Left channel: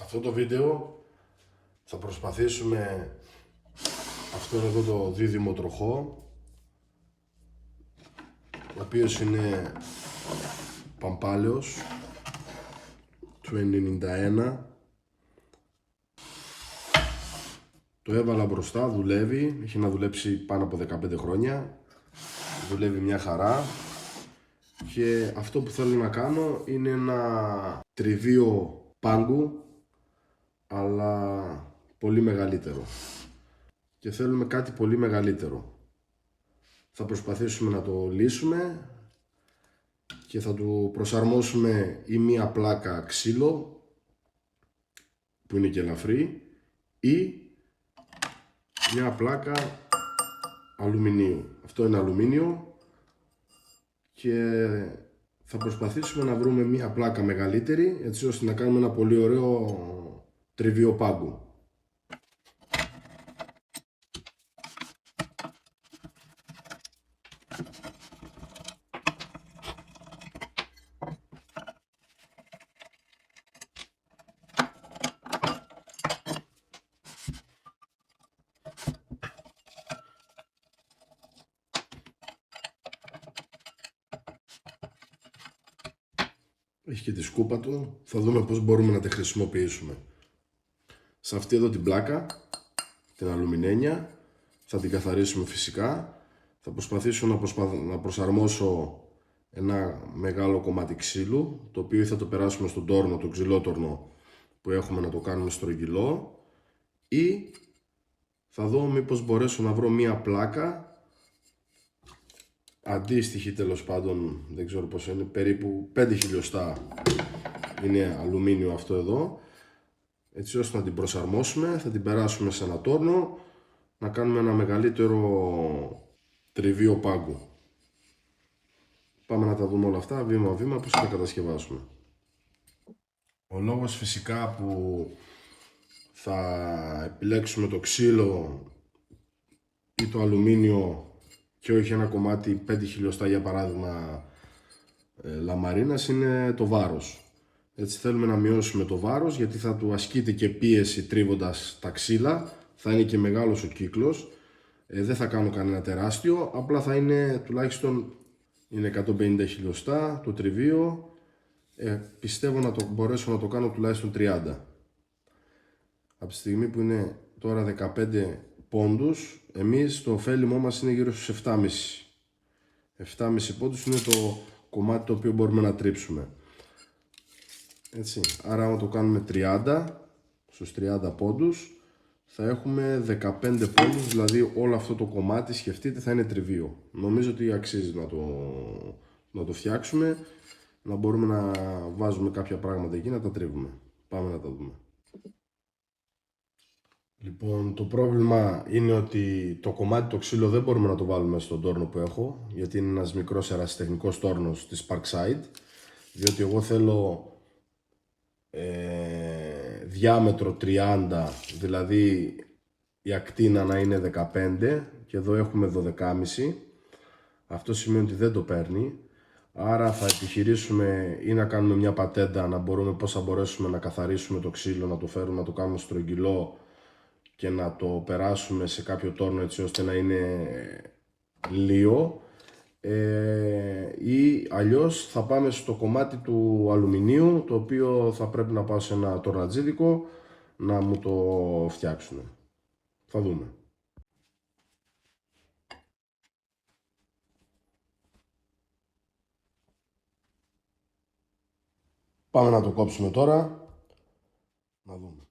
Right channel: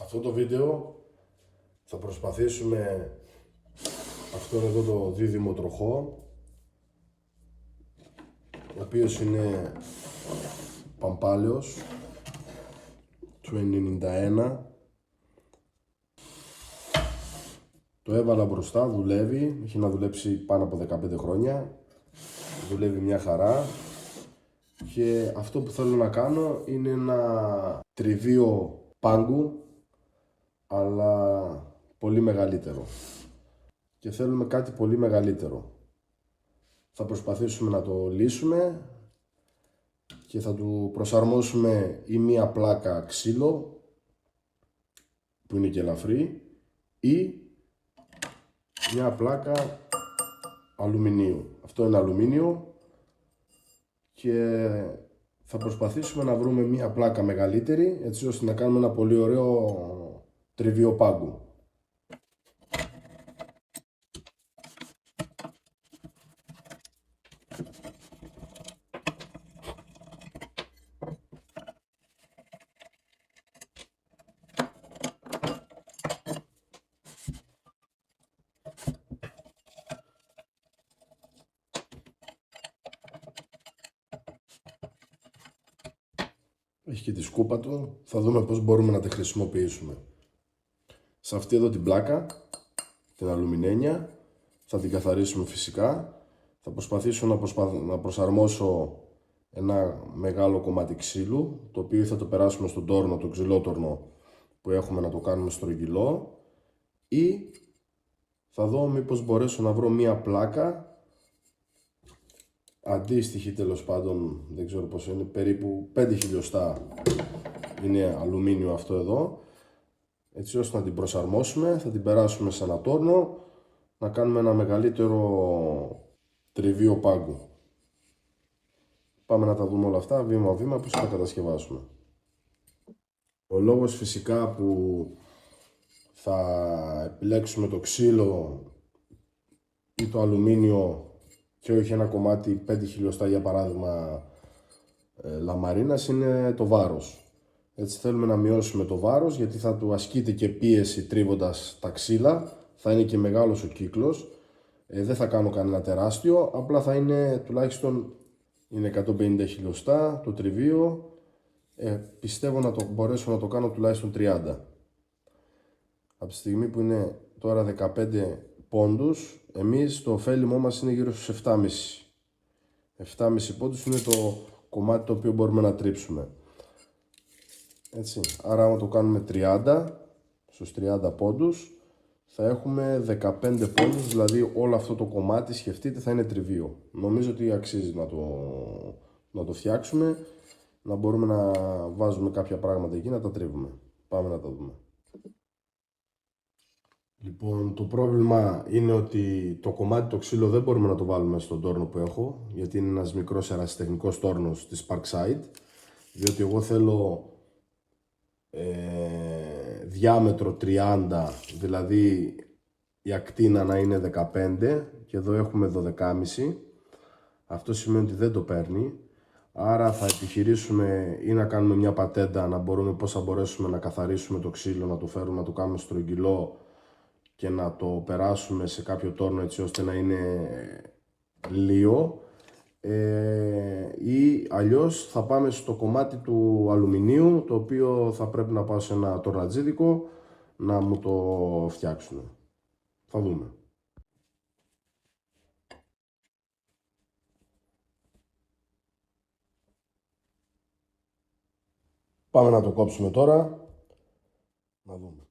Σε αυτό το βίντεο θα προσπαθήσουμε αυτόν εδώ το δίδυμο τροχό, ο οποίος είναι Pampaleos του 91. Το έβαλα μπροστά, δουλεύει, έχει να δουλέψει πάνω από 15 χρόνια, δουλεύει μια χαρά. Και αυτό που θέλω να κάνω είναι ένα τριβείο πάγκου, αλλά πολύ μεγαλύτερο. Και θέλουμε κάτι πολύ μεγαλύτερο. Θα προσπαθήσουμε να το λύσουμε και θα του προσαρμόσουμε ή μία πλάκα ξύλο που είναι και ελαφρύ ή μια πλάκα αλουμινίου. Αυτό είναι αλουμίνιο και θα προσπαθήσουμε να βρούμε μία πλάκα μεγαλύτερη, έτσι ώστε να κάνουμε ένα πολύ ωραίο τριβείο πάγκου. Έχει και τη σκούπα του, θα δούμε πώς μπορούμε να τη χρησιμοποιήσουμε. Σε αυτή εδώ την πλάκα, την αλουμινένια, θα την καθαρίσουμε φυσικά. Θα προσπαθήσω να προσαρμόσω ένα μεγάλο κομμάτι ξύλου, το οποίο θα το περάσουμε στον τόρνο, τον ξυλότορνο που έχουμε, να το κάνουμε στρογγυλό, ή θα δω μήπως μπορέσω να βρω μία πλάκα αντίστοιχη, τέλος πάντων, δεν ξέρω πώς είναι, περίπου 5 χιλιοστά είναι αλουμίνιο αυτό εδώ, έτσι ώστε να την προσαρμόσουμε, θα την περάσουμε σε ένα τόρνο, να κάνουμε ένα μεγαλύτερο τριβείο πάγκου. Πάμε να τα δούμε όλα αυτά βήμα-βήμα, πώς θα τα κατασκευάσουμε. Ο λόγος φυσικά που θα επιλέξουμε το ξύλο ή το αλουμίνιο και όχι ένα κομμάτι 5 χιλιοστά για παράδειγμα λαμαρίνας είναι το βάρος. Έτσι θέλουμε να μειώσουμε το βάρος, γιατί θα του ασκείται και πίεση τρίβοντας τα ξύλα, θα είναι και μεγάλος ο κύκλος, δεν θα κάνω κανένα τεράστιο, απλά θα είναι τουλάχιστον είναι 150 χιλιοστά το τριβείο, πιστεύω να το μπορέσω να το κάνω τουλάχιστον 30. Από τη στιγμή που είναι τώρα 15 πόντους, εμείς το ωφέλιμό μας είναι γύρω στους 7,5. 7,5 πόντους είναι το κομμάτι το οποίο μπορούμε να τρίψουμε. Έτσι, άρα άμα το κάνουμε 30, στους 30 πόντους, θα έχουμε 15 πόντους, δηλαδή όλο αυτό το κομμάτι, σκεφτείτε, θα είναι τριβείο. Νομίζω ότι αξίζει να το φτιάξουμε, να μπορούμε να βάζουμε κάποια πράγματα εκεί, να τα τρίβουμε. Πάμε να τα δούμε. Λοιπόν, το πρόβλημα είναι ότι το κομμάτι το ξύλο δεν μπορούμε να το βάλουμε στον τόρνο που έχω, γιατί είναι ένας μικρός ερασιτεχνικός τόρνος της Parkside, διότι εγώ θέλω διάμετρο 30, δηλαδή η ακτίνα να είναι 15 και εδώ έχουμε 12,5. Αυτό σημαίνει ότι δεν το παίρνει, άρα θα επιχειρήσουμε ή να κάνουμε μια πατέντα, να μπορούμε πώς θα μπορέσουμε να καθαρίσουμε το ξύλο, να το φέρουμε, να το κάνουμε στρογγυλό και να το περάσουμε σε κάποιο τόρνο έτσι ώστε να είναι λίο, ή αλλιώς θα πάμε στο κομμάτι του αλουμινίου, το οποίο θα πρέπει να πάω σε ένα τορνατζίδικο να μου το φτιάξουν. Θα δούμε. Πάμε να το κόψουμε τώρα, να δούμε.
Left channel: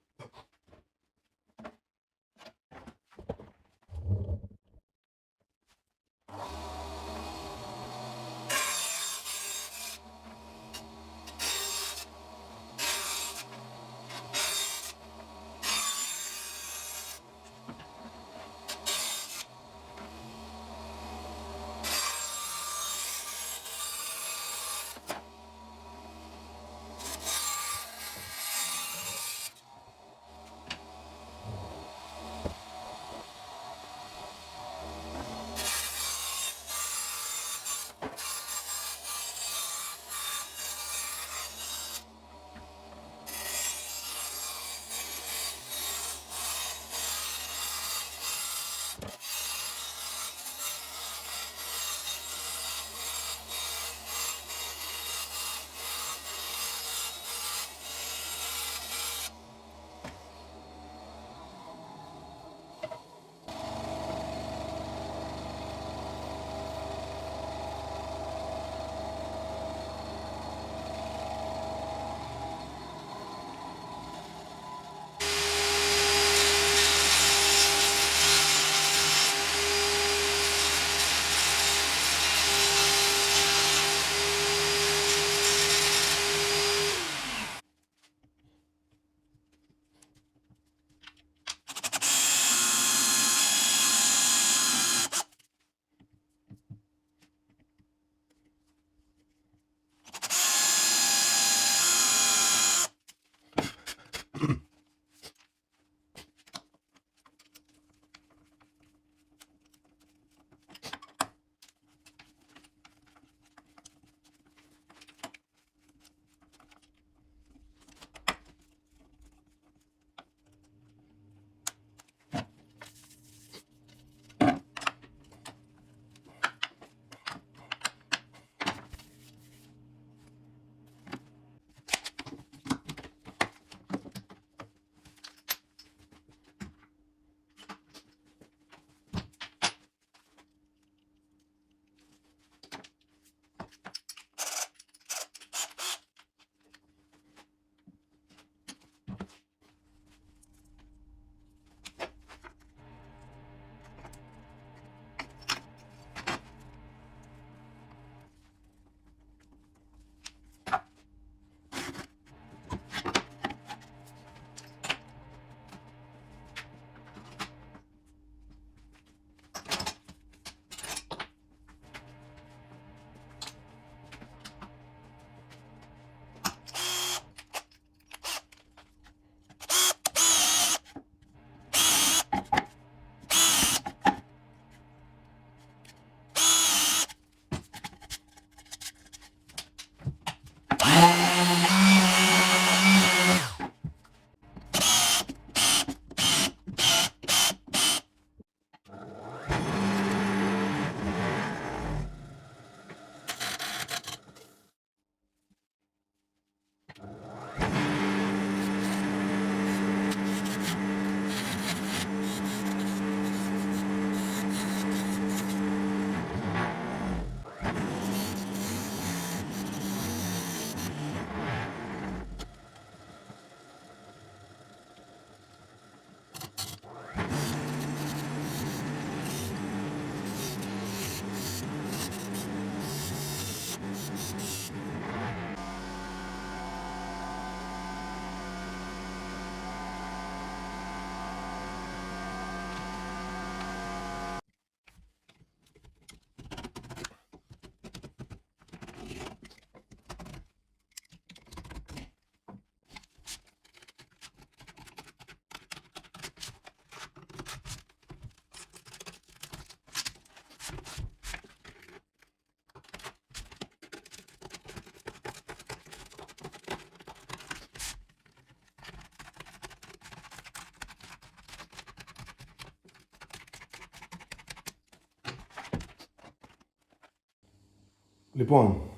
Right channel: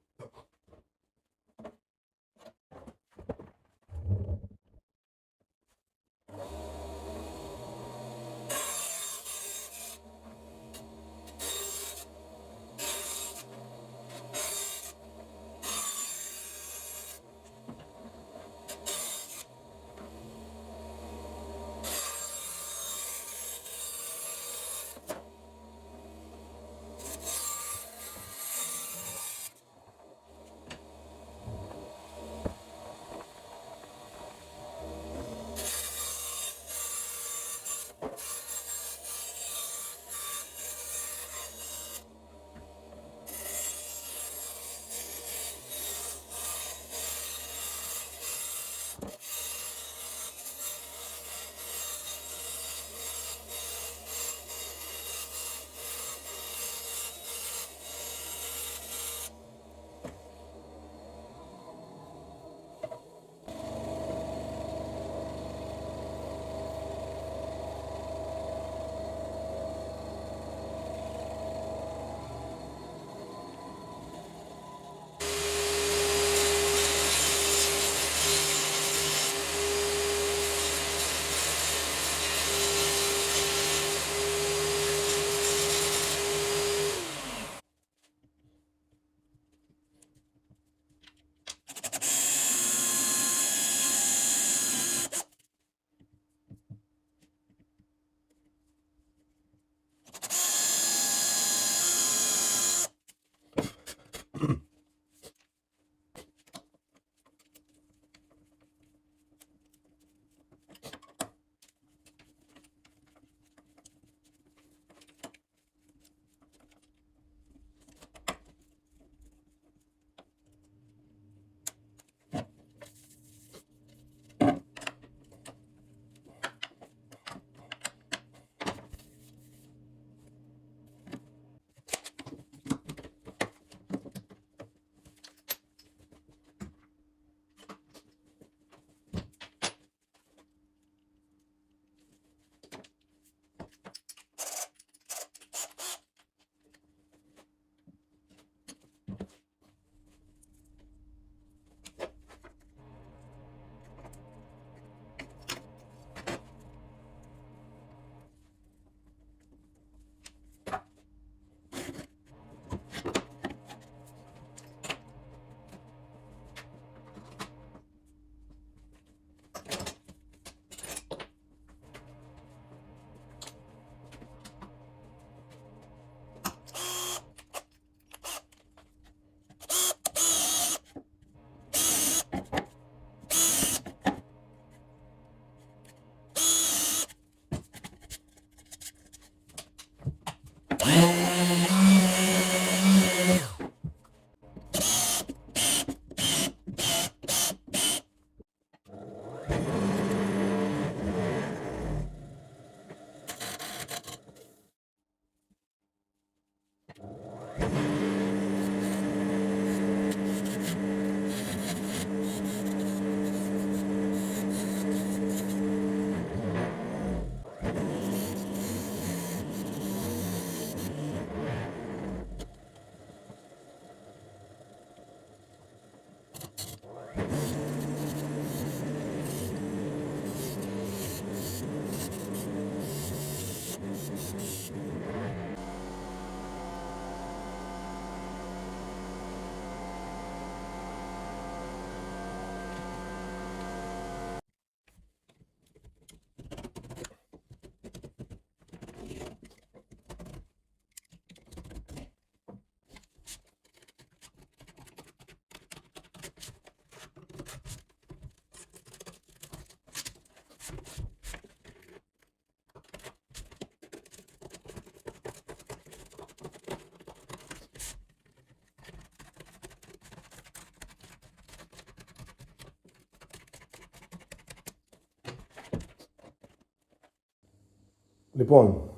Λοιπόν,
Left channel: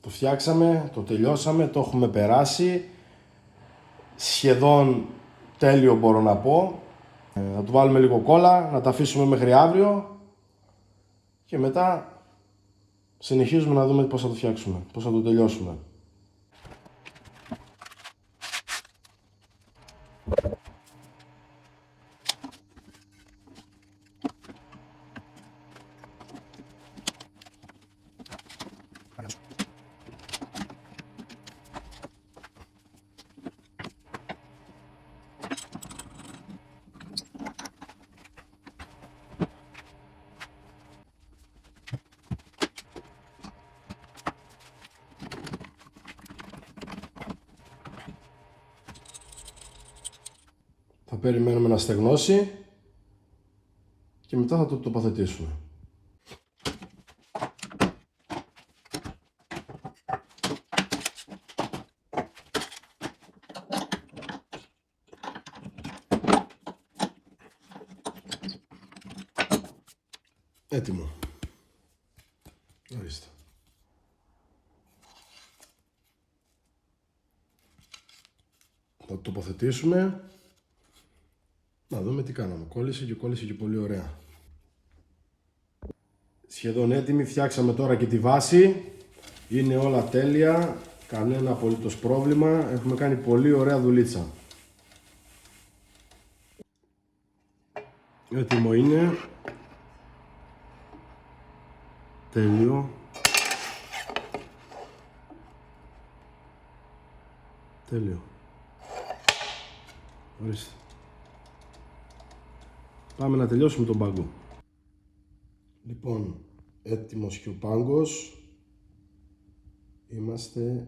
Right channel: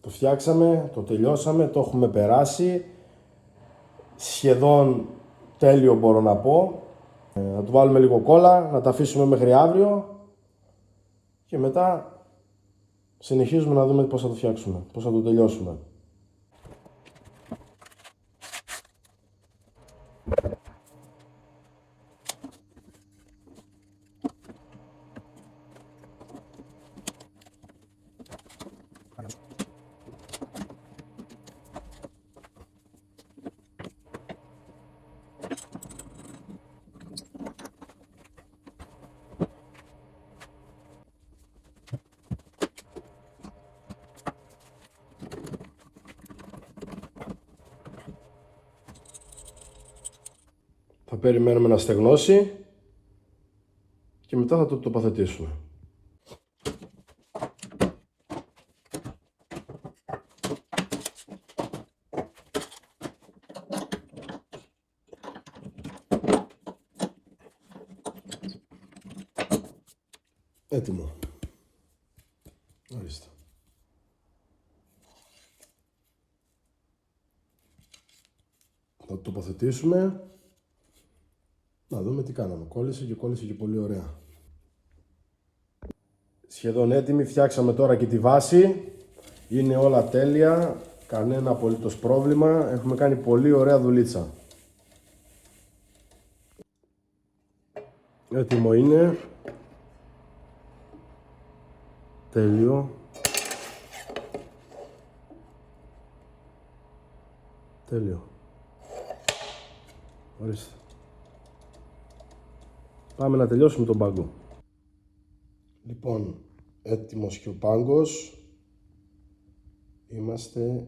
το φτιάξαμε, το τελειώσαμε, το έχουμε περάσει. Σχεδόν τέλειο μπορώ να πω. Θα του βάλουμε λίγο κόλλα, να τα αφήσουμε μέχρι αύριο και μετά συνεχίζουμε να δούμε πώς θα το φτιάξουμε, πώς θα το τελειώσουμε. Θα περιμένουμε να στεγνώσει και μετά θα το τοποθετήσουμε. Έτοιμο. Ορίστε. Θα το τοποθετήσουμε. Να δούμε τι κάναμε. Κόλλησε και πολύ ωραία. Σχεδόν έτοιμη. Φτιάξαμε τώρα και τη βάση. Είναι όλα τέλεια. Κανένα απολύτως πρόβλημα. Έχουμε κάνει πολύ ωραία δουλίτσα. Έτοιμο είναι. Τέλειο. Τέλειο. Ορίστε. Πάμε να τελειώσουμε τον πάγκο. Λοιπόν, έτοιμος και ο πάγκος. Είμαστε...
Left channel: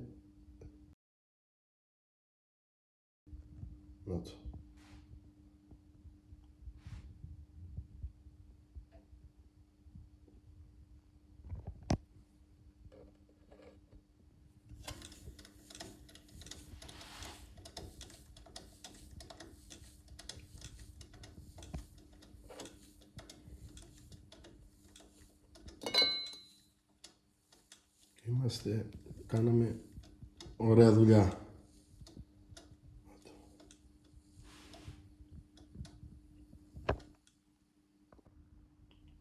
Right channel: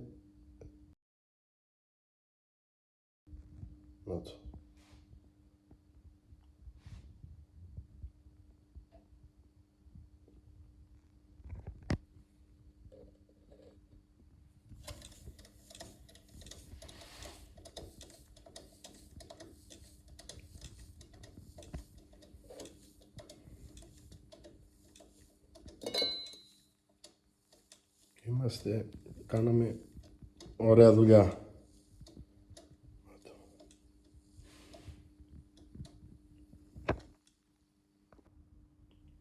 Να το. Κάναμε ωραία δουλειά.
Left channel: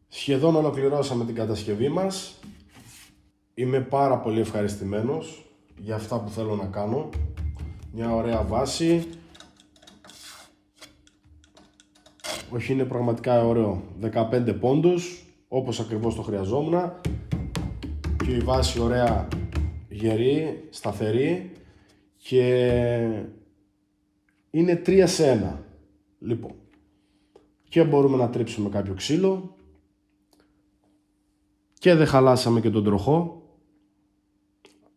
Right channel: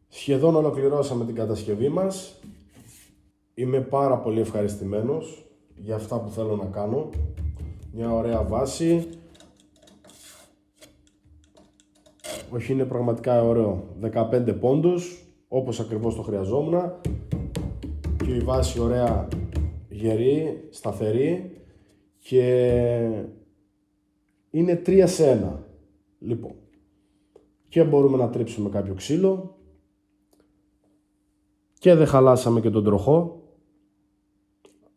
Σχεδόν ολοκληρώσαμε την κατασκευή μας. Είμαι πάρα πολύ ευχαριστημένος για αυτά που θέλω να κάνω. Μια ωραία βάση. Όχι, είναι πραγματικά ωραίο. 15 πόντους, όπως ακριβώς το χρειαζόμουν. Και η βάση ωραία γερή, σταθερή και είναι 3 σε 1. Λοιπόν, και μπορούμε να τρίψουμε κάποιο ξύλο και δεν χαλάσαμε και τον τροχό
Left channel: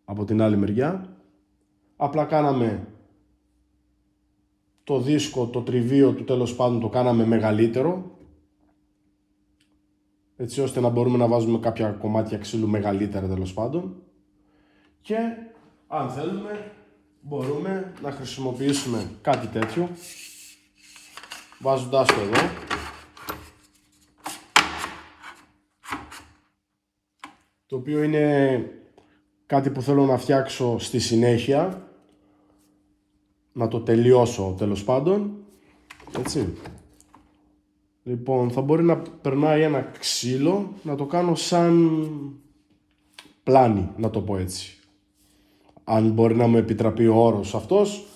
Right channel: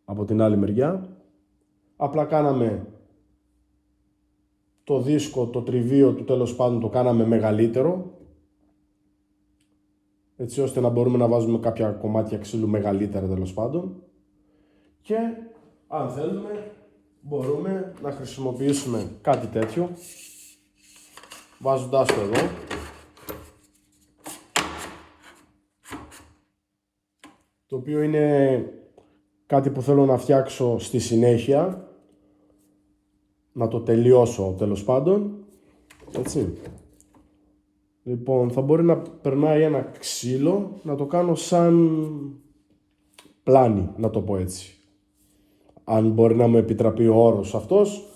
από την άλλη μεριά. Απλά κάναμε το δίσκο, το τριβείο του, τέλος πάντων το κάναμε μεγαλύτερο, έτσι ώστε να μπορούμε να βάζουμε κάποια κομμάτια ξύλου μεγαλύτερα, τέλος πάντων. Και αν θέλουμε μπορούμε να χρησιμοποιήσουμε κάτι τέτοιο, βάζοντάς το εδώ. Το οποίο είναι κάτι που θέλω να φτιάξω στη συνέχεια, να το τελειώσω τέλος πάντων, έτσι. Λοιπόν, θα μπορεί να περνάει ένα ξύλο, να το κάνω σαν πλάνη, να το πω έτσι. Αν μπορεί να μου επιτραπεί ο όρος αυτός,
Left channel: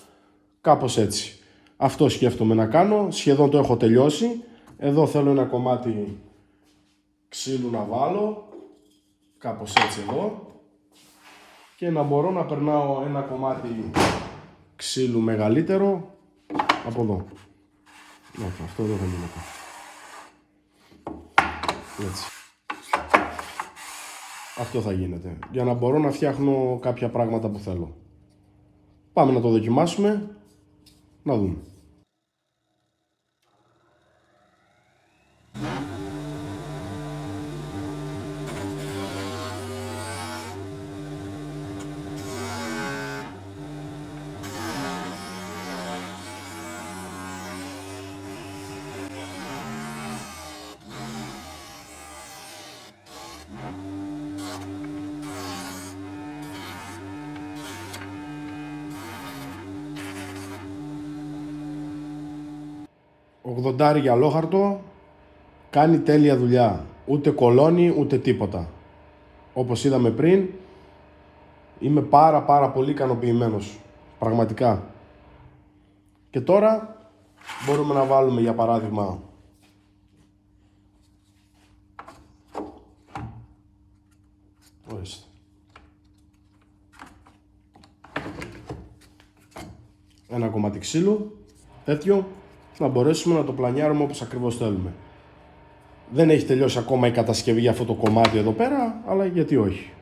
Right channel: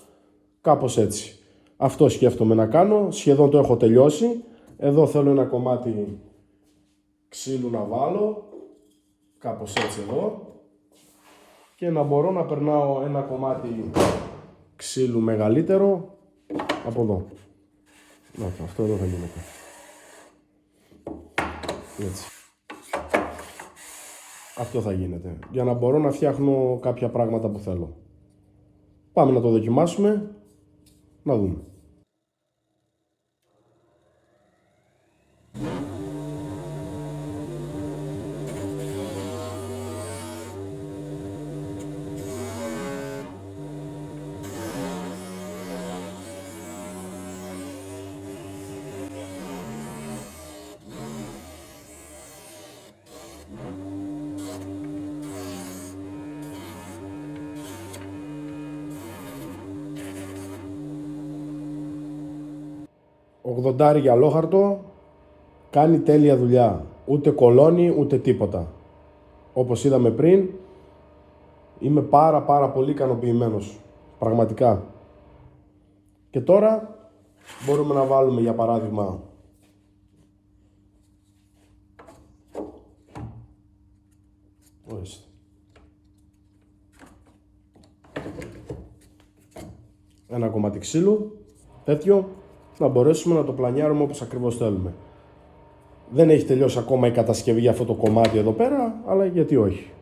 κάπως έτσι. Αυτό σκέφτομαι να κάνω, σχεδόν το έχω τελειώσει. Εδώ θέλω ένα κομμάτι ξύλου να βάλω, κάπως έτσι εδώ. και να μπορώ να περνάω ένα κομμάτι ξύλου μεγαλύτερο από εδώ. Όχι, αυτό εδώ δεν γίνεται. Έτσι. Αυτό θα γίνεται, για να μπορώ να φτιάχνω κάποια πράγματα που θέλω. Πάμε να το δοκιμάσουμε, να δούμε. Ογδοντάρι αλόχαρτο, κάνει τέλεια δουλειά, ούτε κολώνει ούτε τίποτα. Όπως είδαμε πριν, είμαι πάρα πολύ ικανοποιημένος, πραγματικά. Και τώρα μπορούμε να βάλουμε για παράδειγμα ένα κομμάτι ξύλου, τέτοιο, να μπορέσουμε να το πλανιάρουμε όπως ακριβώς θέλουμε. Δεν έχει τελειώσει ακόμα η κατασκευή για αυτό το κομμάτι εδώ πέρα, αλλά γιατί όχι.